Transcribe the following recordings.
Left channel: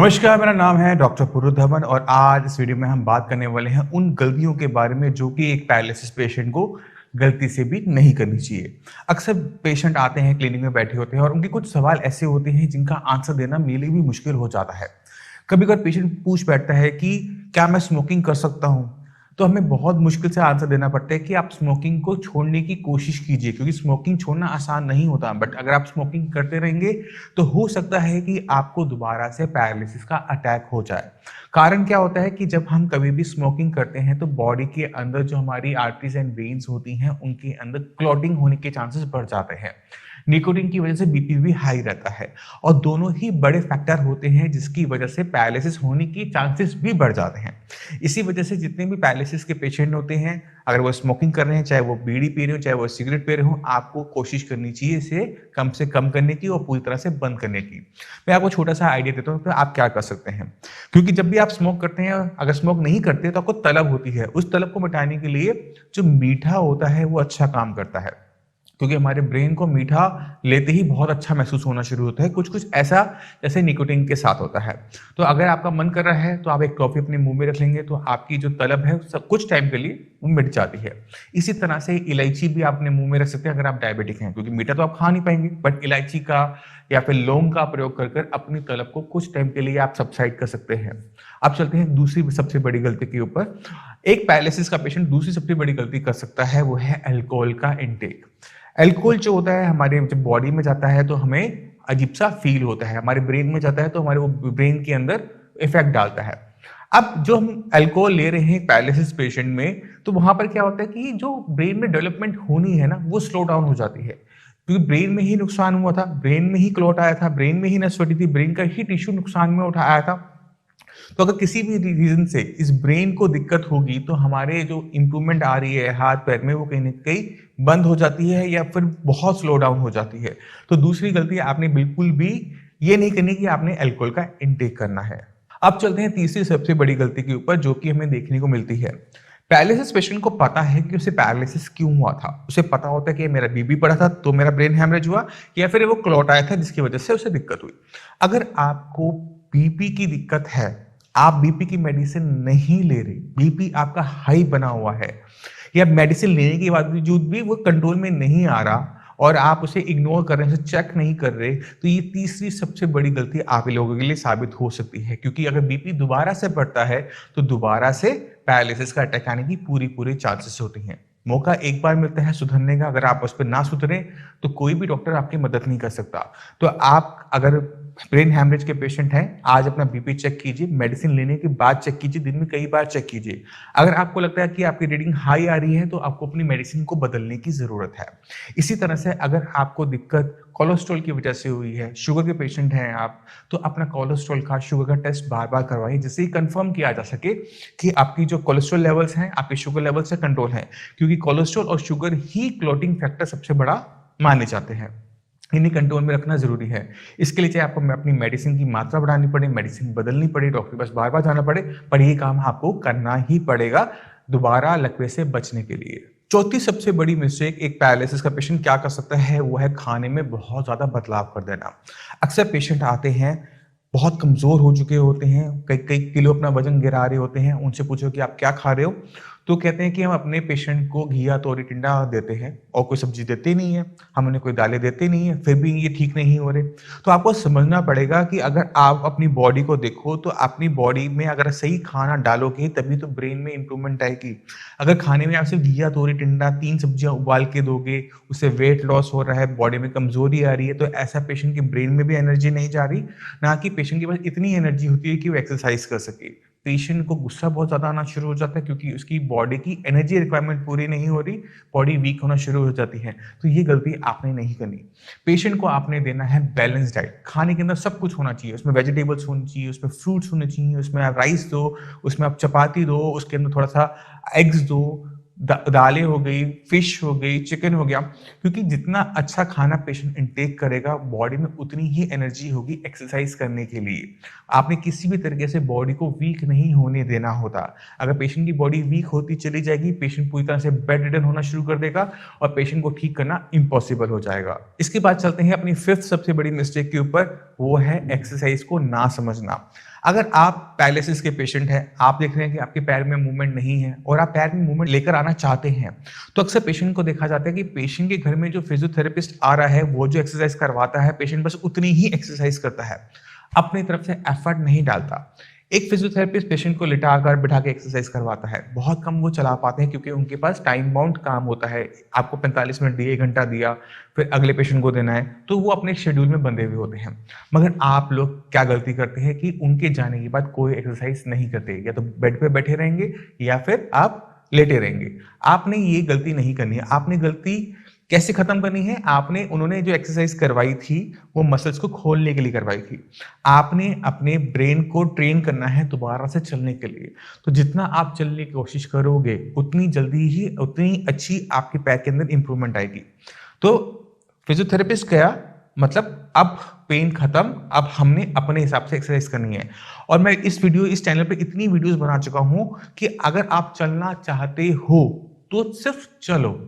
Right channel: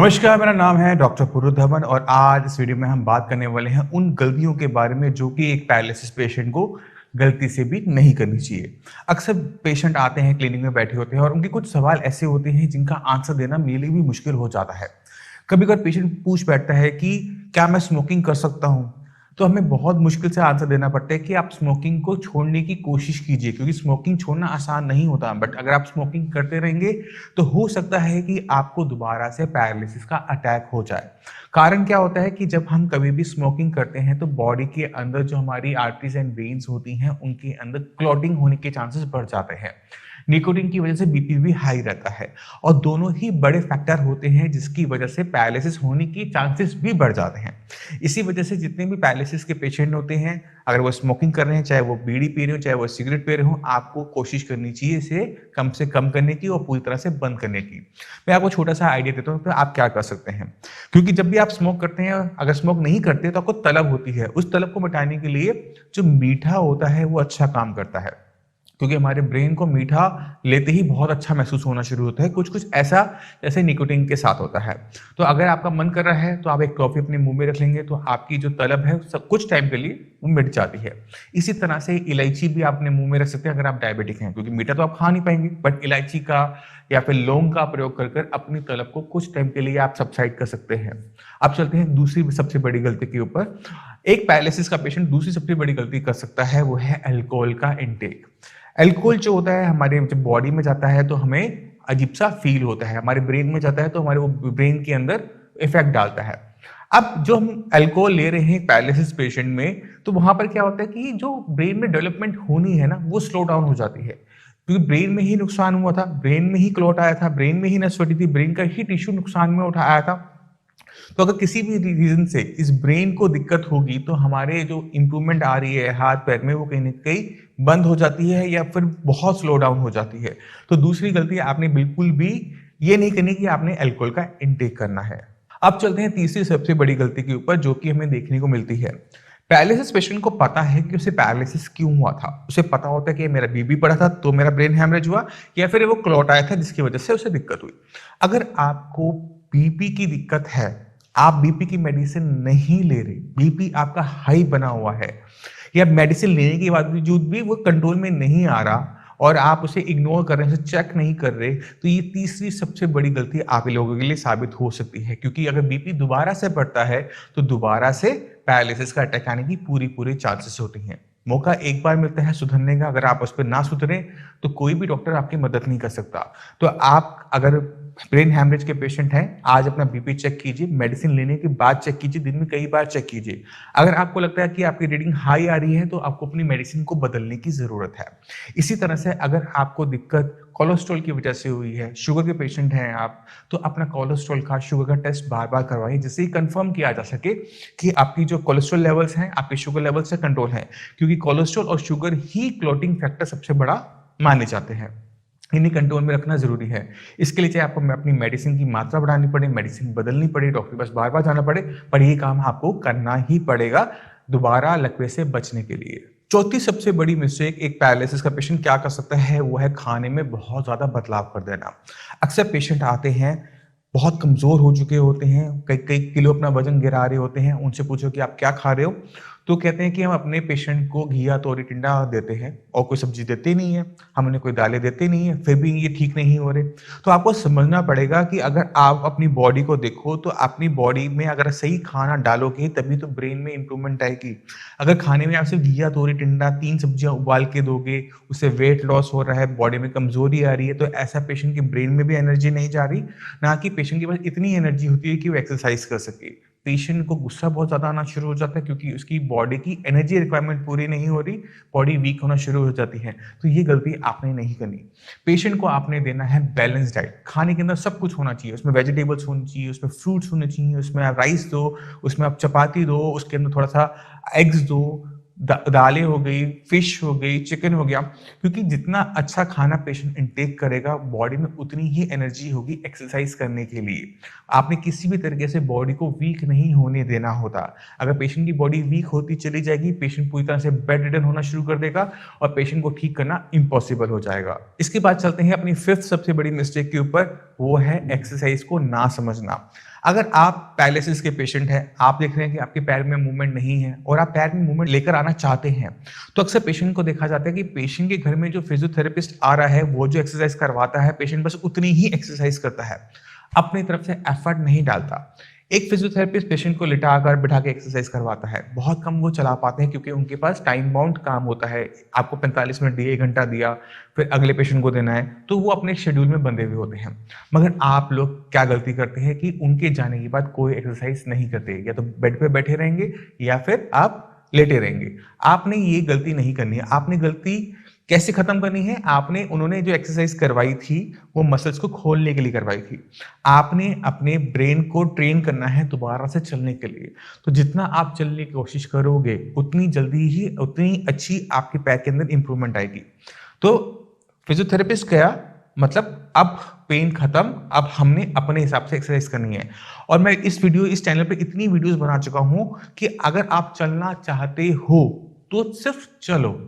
नमस्कार, मेरा नाम है डॉक्टर पुरुष धवन और आज इस वीडियो में हम बात करने वाले हैं उन गलतियों के बारे में जो कि एक पैरालिसिस पेशेंट को गलती से भी नहीं करनी चाहिए। अक्सर पेशेंट आते हैं, क्लिनिक में बैठे होते हैं और उनके कुछ सवाल ऐसे होते हैं जिनका आंसर देना मेरे लिए भी मुश्किल हो जाता है। कभी-कभार पेशेंट पूछ बैठता है कि क्या मैं स्मोकिंग कर सकता हूँ? तो हमें बहुत मुश्किल से आंसर देना पड़ता है कि आप स्मोकिंग को छोड़ने की कोशिश कीजिए, क्योंकि स्मोकिंग छोड़ना आसान नहीं होता। बट अगर आप स्मोकिंग करते रहेंगे तो हो सकता है कि आपको दोबारा से पैरालिसिस का अटैक हो जाए। कारण क्या होता है कि जब हम कभी भी स्मोकिंग करते हैं तो बॉडी के अंदर जो हमारी आर्टरीज एंड वेन्स होती हैं उनके अंदर क्लॉटिंग होने के चांसेस बढ़ जाते हैं। निकोटीन की वजह से बीपी भी हाई रहता है और दोनों ही बड़े फैक्टर होते हैं जिसकी वजह से पैरालिसिस होने की चांसेस भी बढ़ जाते हैं। इसी वजह से जितने भी पैरालिसिस के पेशेंट होते हैं, अगर वो स्मोकिंग कर रहे हैं, चाहे वो बीड़ी पी रहे हो, चाहे वो सिगरेट पी रहे हो, आपको कोशिश करनी चाहिए इसे कम से कम करने की और पूरी तरह से बंद करने की। मैं आपको छोटा सा आइडिया देता हूँ कि आप क्या कर सकते हैं। क्योंकि जब भी आप स्मोक करते हैं, अगर स्मोक नहीं करते तो आपको तलब होती है। उस तलब को मिटाने के लिए जो मीठा होता है वो अच्छा काम करता है, क्योंकि हमारे ब्रेन को मीठा लेते ही बहुत अच्छा महसूस होना शुरू होता है, कुछ कुछ ऐसा जैसे निकोटीन के साथ होता है। तो अगर आपका मन कर रहा है तो आप एक टॉफी अपने मुंह में रख लेंगे तो आपकी जो तलब है सब कुछ टाइम के लिए वो मिट जाती है। इसी तरह से इलायची भी आप अपने मुंह में रख सकते हैं अगर आप डायबिटिक हैं, क्योंकि मीठा तो आप खा नहीं पाएंगे, बट इलायची का या फिर लौंग का प्रयोग कर कर अपनी तलब को कुछ टाइम के लिए आप सबसाइड कर सकते हैं। अब चलते हैं दूसरी सबसे बड़ी गलती के ऊपर। एक पैरालिसिस का पेशेंट दूसरी सबसे बड़ी गलती कर सकता है, वो है अल्कोहल का इंटेक। अल्कोहल जो होता है हमारे जब बॉडी में जाता है तो हमें अजीब सा फील होता है, हमारे ब्रेन में जाता है तो हमारे वो ब्रेन के अंदर इफेक्ट डालता है। अब जो हम अल्कोहल ले रहे हैं पैरालिसिस पेशेंट में, तो वहां पर क्या होता है कि जो ब्रेन में डेवलपमेंट होनी है ना वो स्लो डाउन हो जाती है, क्योंकि ब्रेन में ही नुकसान हुआ था, ब्रेन में ही क्लॉट आया था, ब्रेन में ही नस फटी थी, ब्रेन का ही टिश्यू नुकसान में उठा आया था। तो अगर किसी भी रीजन से इस ब्रेन को दिक्कत होगी तो हमारे जो इंप्रूवमेंट आ रही है हाथ पैर में वो कहीं ना कहीं बंद हो जाती है या फिर बहुत स्लो डाउन हो जाती है। तो दूसरी गलती आपने बिल्कुल भी ये नहीं करनी कि आपने अल्कोहल का इनटेक करना है। अब चलते हैं तीसरी सबसे बड़ी गलती के ऊपर जो कि हमें देखने को मिलती है। पैरालिसिस पेशेंट को पता है कि उसे पैरालिसिस क्यों हुआ था, उसे पता होता है कि मेरा बीपी बढ़ा था तो मेरा ब्रेन हैमरेज हुआ, या फिर वो क्लॉट आया था जिसकी वजह से उसे दिक्कत हुई। अगर आपको बीपी की दिक्कत है, आप बीपी की मेडिसिन नहीं ले रहे, बीपी आपका हाई बना हुआ है, या मेडिसिन लेने के बावजूद भी वो कंट्रोल में नहीं आ रहा और आप उसे इग्नोर कर रहे हैं, चेक नहीं कर रहे, तो ये तीसरी सबसे बड़ी गलती आप लोगों के लिए साबित हो सकती है। क्योंकि अगर बीपी दोबारा से बढ़ता है तो दोबारा से पैरालिसिस का अटैक आने की पूरी पूरी चांसेस होती हैं। मौका एक बार मिलता है सुधरने का, अगर आप उस पर ना सुधरे तो कोई भी डॉक्टर आपकी मदद नहीं कर सकता। तो आप अगर ब्रेन हैमरेज के पेशेंट हैं, आज अपना बीपी चेक कीजिए, मेडिसिन लेने के बाद चेक कीजिए, दिन में कई बार चेक कीजिए। अगर आपको लगता है कि आपकी रीडिंग हाई आ रही है तो आपको अपनी मेडिसिन को बदलने की जरूरत है। इसी तरह से अगर आपको दिक्कत कोलेस्ट्रॉल की वजह से हुई है, शुगर के पेशेंट हैं आप, तो अपना कोलेस्ट्रॉल का शुगर का टेस्ट बार बार करवाइए जिससे कंफर्म किया जा सके कि आपकी जो कोलेस्ट्रॉल लेवल्स हैं आपके शुगर लेवल से कंट्रोल है, क्योंकि कोलेस्ट्रॉल और शुगर ही क्लॉटिंग फैक्टर सबसे बड़ा माने जाते हैं। इन्हें कंट्रोल में रखना जरूरी है। इसके लिए चाहे आपको अपनी मेडिसिन की मात्रा बढ़ानी पड़े, मेडिसिन बदलनी पड़े, डॉक्टर के पास बार बार जाना पड़े, पर ये काम आपको करना ही पड़ेगा दोबारा लकवे से बचने के लिए। चौथी सबसे बड़ी मिस्टेक एक पैरालिसिस का पेशेंट क्या कर सकता है, वो है खाने में बहुत ज्यादा बदलाव कर देना। अक्सर पेशेंट आते हैं बहुत कमजोर हो चुके होते हैं, कई कई किलो अपना वजन गिरा रहे होते हैं, उनसे पूछो कि आप क्या खा रहे हो, तो कहते हैं कि हम अपने पेशेंट को घिया तोरी टिंडा देते हैं और कोई सब्जी देते नहीं है, हम उन्हें कोई दालें देते नहीं है, फिर भी ये ठीक नहीं हो रहे। तो आपको समझना पड़ेगा कि अगर आप अपनी बॉडी को देखो तो अपनी बॉडी में अगर सही खाना डालोगे तभी तो ब्रेन में इंप्रूवमेंट आएगी। अगर खाने में आप सिर्फ घिया तोरी टिंडा 3 सब्जियां उबाल के दोगे, उससे वेट लॉस हो रहा है, बॉडी में कमजोरी आ रही है, तो ऐसा पेशेंट के ब्रेन में भी एनर्जी नहीं जा रही, ना कि पेशेंट के पास इतनी एनर्जी होती है कि वो एक्सरसाइज कर सके। पेशेंट को गुस्सा बहुत ज्यादा आना शुरू हो जाता है क्योंकि उसकी बॉडी की एनर्जी रिक्वायरमेंट पूरी नहीं हो रही, बॉडी वीक होना शुरू हो जाती है। तो ये गलती आपने नहीं करनी। पेशेंट को आपने देना है बैलेंस डाइट। खाने के अंदर सब कुछ होना चाहिए, उसमें वेजिटेबल्स होनी चाहिए, उसमें फ्रूट्स होने चाहिए, उसमें आप राइस दो, उसमें आप चपाती दो, उसके अंदर थोड़ा सा एग्स दो, दालें हो गई, फिश हो गई, चिकन हो गया, क्योंकि जितना अच्छा खाना पेशेंट इंटेक करेगा बॉडी में उतनी ही एनर्जी होगी एक्सरसाइज करने के लिए। आपने किसी भी तरीके से बॉडी को वीक नहीं होने देना होता। अगर पेशेंट की बॉडी वीक होती चली जाएगी, पेशेंट पूरी तरह से बेड रिडन होना शुरू कर देगा और पेशेंट को ठीक करना इम्पॉसिबल हो जाएगा। इसके बाद चलते हैं अपनी फिफ्थ सबसे बड़ी मिस्टेक के ऊपर, वो है एक्सरसाइज को ना समझना। अगर आप पैरालिसिस के पेशेंट हैं, आप देख रहे हैं कि आपके पैर में मूवमेंट नहीं है और आप पैर में मूवमेंट लेकर आना चाहते हैं, तो अक्सर पेशेंट को देखा जाता है कि पेशेंट के घर में जो फिजियोथेरेपिस्ट आ रहा है, वो जो एक्सरसाइज करवाता है, पेशेंट बस उतनी ही एक्सरसाइज करता है, अपनी तरफ से एफर्ट नहीं डालता। एक फिजियोथेरेपिस्ट पेशेंट को लिटाकर बिठा के एक्सरसाइज करवाता है, बहुत कम वो चला पाते हैं क्योंकि उनके पास टाइम बाउंड काम होता है। आपको 45 मिनट दिए, 1 घंटा दिया, फिर अगले पेशेंट को देना है, तो वो अपने शेड्यूल में बंधे हुए होते हैं। मगर आप लोग क्या गलती करते हैं कि उनके जाने के बाद कोई एक्सरसाइज नहीं करते, या तो बेड पे बैठे रहेंगे या फिर आप लेटे रहेंगे। आपने ये गलती नहीं करनी है। आपने गलती कैसे खत्म करनी है? उन्होंने जो एक्सरसाइज करवाई थी वो मसल्स को खोलने के लिए करवाई थी। आपने अपने ब्रेन को ट्रेन करना है दोबारा से चलने के लिए। तो जितना आप चलने की कोशिश करोगे उतनी जल्दी ही उतनी अच्छी आपके पैर के अंदर इंप्रूवमेंट आएगी। तो फिजियोथेरेपिस्ट गया, मतलब अब पेन खत्म, अब हमने अपने हिसाब से एक्सरसाइज करनी है। और मैं इस चैनल पे इतनी वीडियोस बना चुका हूं कि अगर आप चलना चाहते हो तो सिर्फ चलो।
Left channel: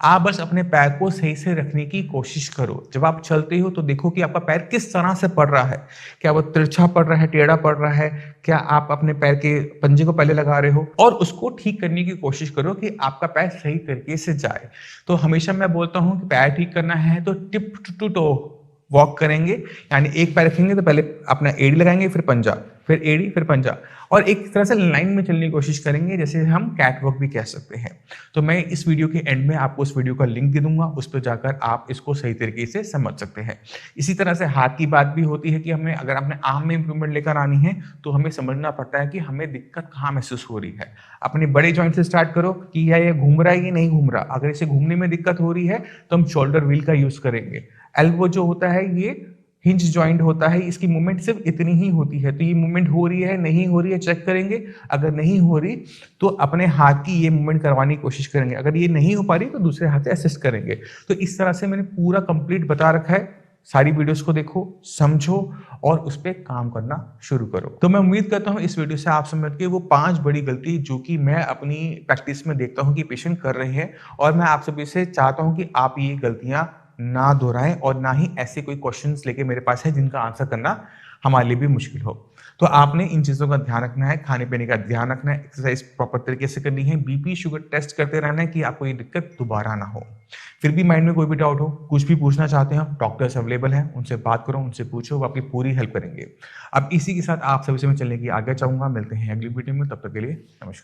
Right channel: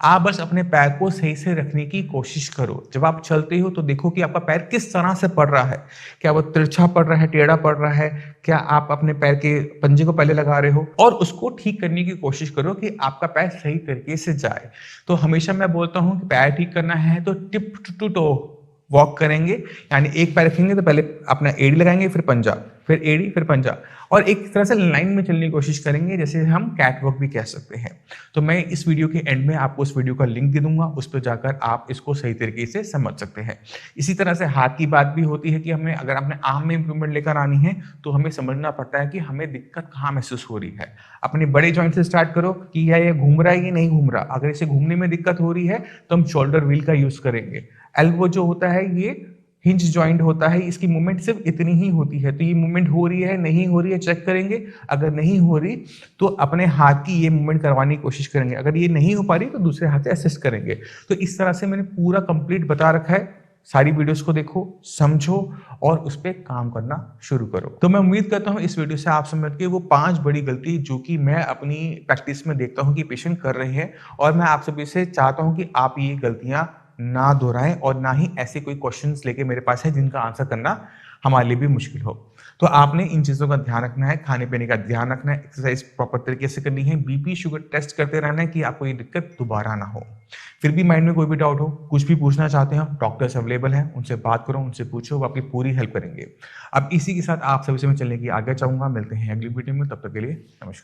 आप बस अपने पैर को सही से रखने की कोशिश करो। जब आप चलते हो तो देखो कि आपका पैर किस तरह से पड़ रहा है। क्या वो तिरछा पड़ रहा है, टेढ़ा पड़ रहा है? क्या आप अपने पैर के पंजे को पहले लगा रहे हो? और उसको ठीक करने की कोशिश करो कि आपका पैर सही तरीके से जाए। तो हमेशा मैं बोलता हूँ कि पैर ठीक करना है तो टिप टू टो वॉक करेंगे, यानी एक पैर रखेंगे तो पहले अपना एड़ी लगाएंगे, फिर पंजा, फिर एड़ी, फिर पंजा, और एक तरह से लाइन में चलने की कोशिश करेंगे, जैसे हम कैट वॉक भी कह सकते हैं। तो मैं इस वीडियो के एंड में आपको उस वीडियो का लिंक दे दूंगा, उस पर जाकर आप इसको सही तरीके से समझ सकते हैं। इसी तरह से हाथ की बात भी होती है कि हमें अगर अपने आर्म में इंप्रूवमेंट लेकर आनी है तो हमें समझना पड़ता है कि हमें दिक्कत कहाँ महसूस हो रही है। अपने बड़े जॉइंट से स्टार्ट करो कि ये घूम रहा है कि नहीं घूम रहा। अगर इसे घूमने में दिक्कत हो रही है तो हम शोल्डर व्हील का यूज करेंगे। एल्बो जो होता है ये हिंज जॉइंट होता है, इसकी मूवमेंट सिर्फ इतनी ही होती है, तो ये मूवमेंट हो रही है नहीं हो रही है चेक करेंगे। अगर नहीं हो रही तो अपने हाथ की ये मूवमेंट करवाने की कोशिश करेंगे। अगर ये नहीं हो पा रही तो दूसरे हाथ से असिस्ट करेंगे। तो इस तरह से मैंने पूरा कंप्लीट बता रखा है। सारी वीडियोस को देखो, समझो और उस पर काम करना शुरू करो। तो मैं उम्मीद करता हूं इस वीडियो से आप समझ के वो 5 बड़ी गलती जो कि मैं अपनी प्रैक्टिस में देखता हूं कि पेशेंट कर रहे हैं, और मैं आप सभी से चाहता हूं कि आप ये गलतियां ना दोहराएं और ना ही ऐसे कोई क्वेश्चंस लेके मेरे पास है जिनका आंसर करना हमारे लिए भी मुश्किल हो। तो आपने इन चीजों का ध्यान रखना है, खाने पीने का ध्यान रखना है, एक्सरसाइज प्रॉपर तरीके से करनी है, बीपी शुगर टेस्ट करते रहना है कि आपको ये दिक्कत दोबारा ना हो। फिर भी माइंड में कोई भी डाउट हो, कुछ भी पूछना चाहते हैं, डॉक्टर्स अवेलेबल हैं, उनसे बात करो, उनसे पूछो, वो आपकी पूरी हेल्प करेंगे। अब इसी के साथ आप सभी से मैं चलने की आज्ञा चाहूंगा। मिलते हैं अगली वीडियो में, तब तक के लिए नमस्कार।